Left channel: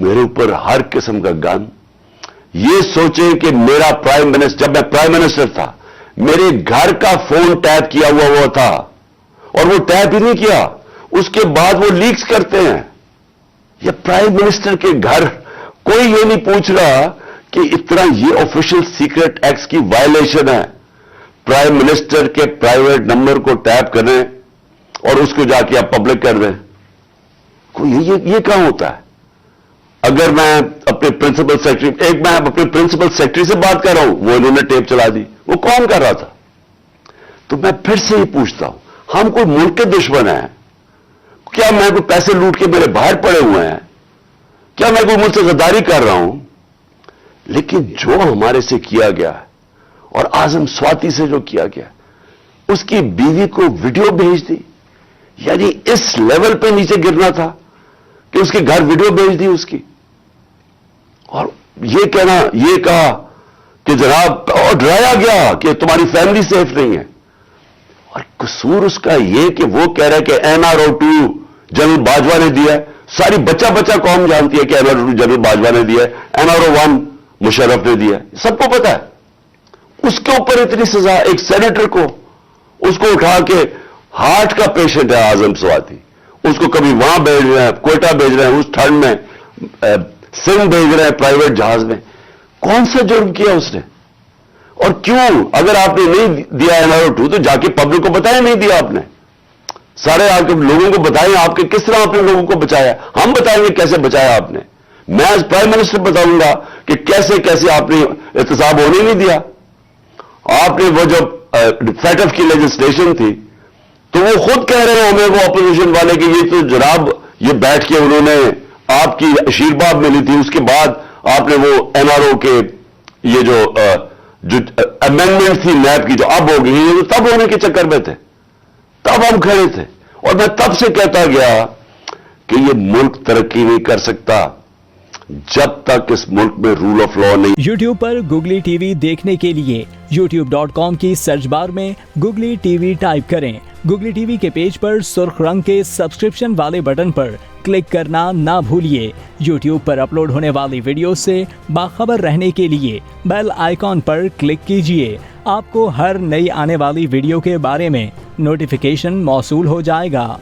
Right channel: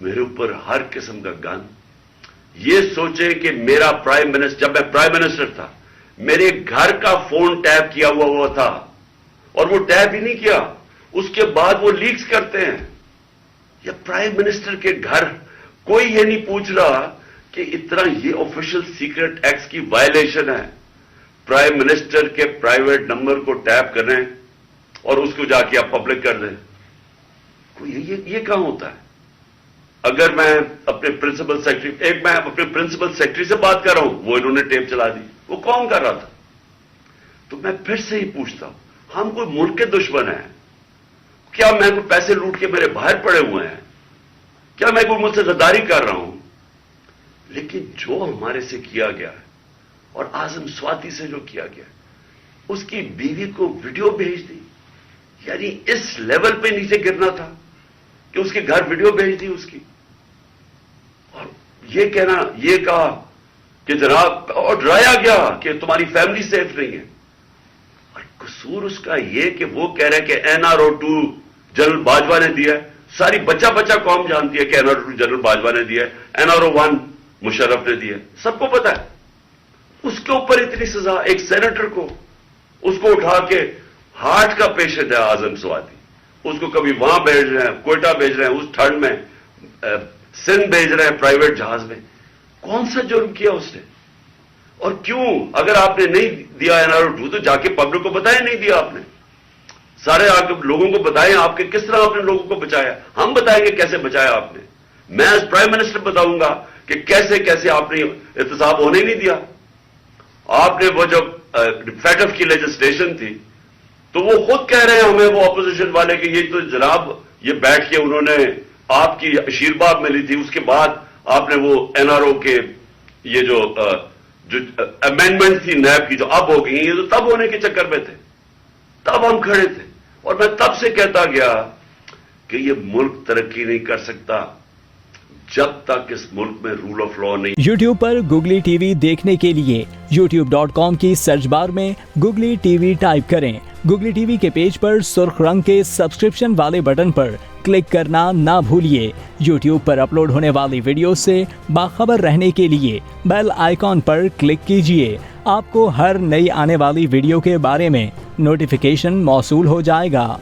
میرے اوپر ہر قسم کا گن. یہ سوچیں کہ میرا پرائم منسٹر، جب میں پرائم منسٹر تھا، میرے گھر کا فون ٹیپ کیا ہوا تھا، اور وہ ٹیپ ہی نہیں کیا، اس کے بعد وہ لیکس کرتے ہیں. یہ پرائم منسٹر کے گھر، کوئی یہ نہیں پوچھ رہا کہ اتنا یہ آفیشل سیکرٹ ایکٹ کی وائلیشن ہے. پرائم منسٹر کے پرائیویٹ نمبر کو ٹیپ کریں اور اس کو جا کے آپ پبلک کر دیں. کوئی یہ کہاں ہوتا ہے؟ اگر میں اپنے پرنسپل سیکرٹری، میں اپنے پرنسپل سیکرٹری سے بات کر رہا ہوں، وہ انہوں نے ٹیپ چلا دی، وہ کون کر رہا تھا؟ تو میں پھر سے یہ پوچھتا ہوں، ہم کوئی ملک کے دشمن ہیں؟ کیا میں کوئی پیسے لوٹ کے میرے باہر پڑے ہوئے ہیں؟ کیا میں کوئی ملک سے غداری کر رہا ہوں؟ لیکن جو ہمارے سے کیا گیا اور اعظم سواتی سے جو کیا گیا، اس کی بیوی کو ویڈیو بھیج دی. یعنی اس لیول پہ نیچے گرنا تھا کہ اس کے گھر ویڈیو بھیج دی اس کی، اور یہ کہا کہ جناب، اور ڈرایا گیا کہ تمہاری فیملی سیف نہیں ہے. اور قصور اس کا یہ کہ وہ کہہ رہا ہے کہ NRO-2 جنرل باجوہ نے دیا ہے. ساری بچہ قوم جانتی ہے کہ NRO-2 جنرل باجوہ نے دیا ہے، NRO-1 مشرف نے دیا ہے، سب کو پتا ہے. اس کے اوپر اتنی سزا ایک سینیٹر کو، اس کو اٹھا کے، ہارٹ کا پیشنٹ ہے اعظم سواتی، اس کو کبھی وہاں بھیج رہے ہیں، کوئٹہ بھیج رہے ہیں، اس ٹھنڈ میں سندھ بھیج رہے ہیں پرائیویٹ جہاز میں. کون سا جرم کیا اس نے؟ اور کیوں؟ اگر آپ نے نہیں دیا NRO-2 تو جا کے پبلک کو بتائیں نہیں دیا آپ نے. سارے آ کے لوگوں کو بتائیں آپ کے کس طرح آپ نے لوگوں کو بچایا. ہم بتائیں گے کیسے بچایا آپ نے. میں ایز پرائم منسٹر بتاؤں گا کہ کیسے آپ نے احتساب ہونے نہیں دیا. آپ نے وہ جب فیٹف کی لیجسلیشن تھی تو وہ خود کہہ رہے ہوں گے وہ اپوزیشن والے کہ یہ تو جناب یہ بیٹھ کے انہوں نے آپ کی آشیرواد ملی تھی، اس کے بعد آپ نے وہ NRO کے یہ جو امینڈمنٹ تھی نیب کی جو اب ہو گئی، یہ تو تب ہونے کے چکر میں تھے، تب ہم کھڑے تھے. اور میں تب سے کہتا گیا کہ یہ ملک ترقی نہیں کر سکتا جب تک اس ملک میں رول آف لا نہیں. یوٹیوب پر گوگلی ٹی وی دیکھنے کے لیے youtube.com کی سرچ بار میں گوگلی ٹی وی ٹائپ کریں. گوگلی ٹی وی کے پیج پر سرخ رنگ کے سبسکرپشن والے بٹن پر کلک کرنا نہ بھولیے. یوٹیوب پر اپلوڈ ہونے والی ویڈیو سے باخبر رہنے کے لیے بیل آئیکن پر کلک کیجیے. آپ کو ہر نئی آنے والی ویڈیو کے بارے میں نوٹیفیکیشن موصول ہو جائے گا.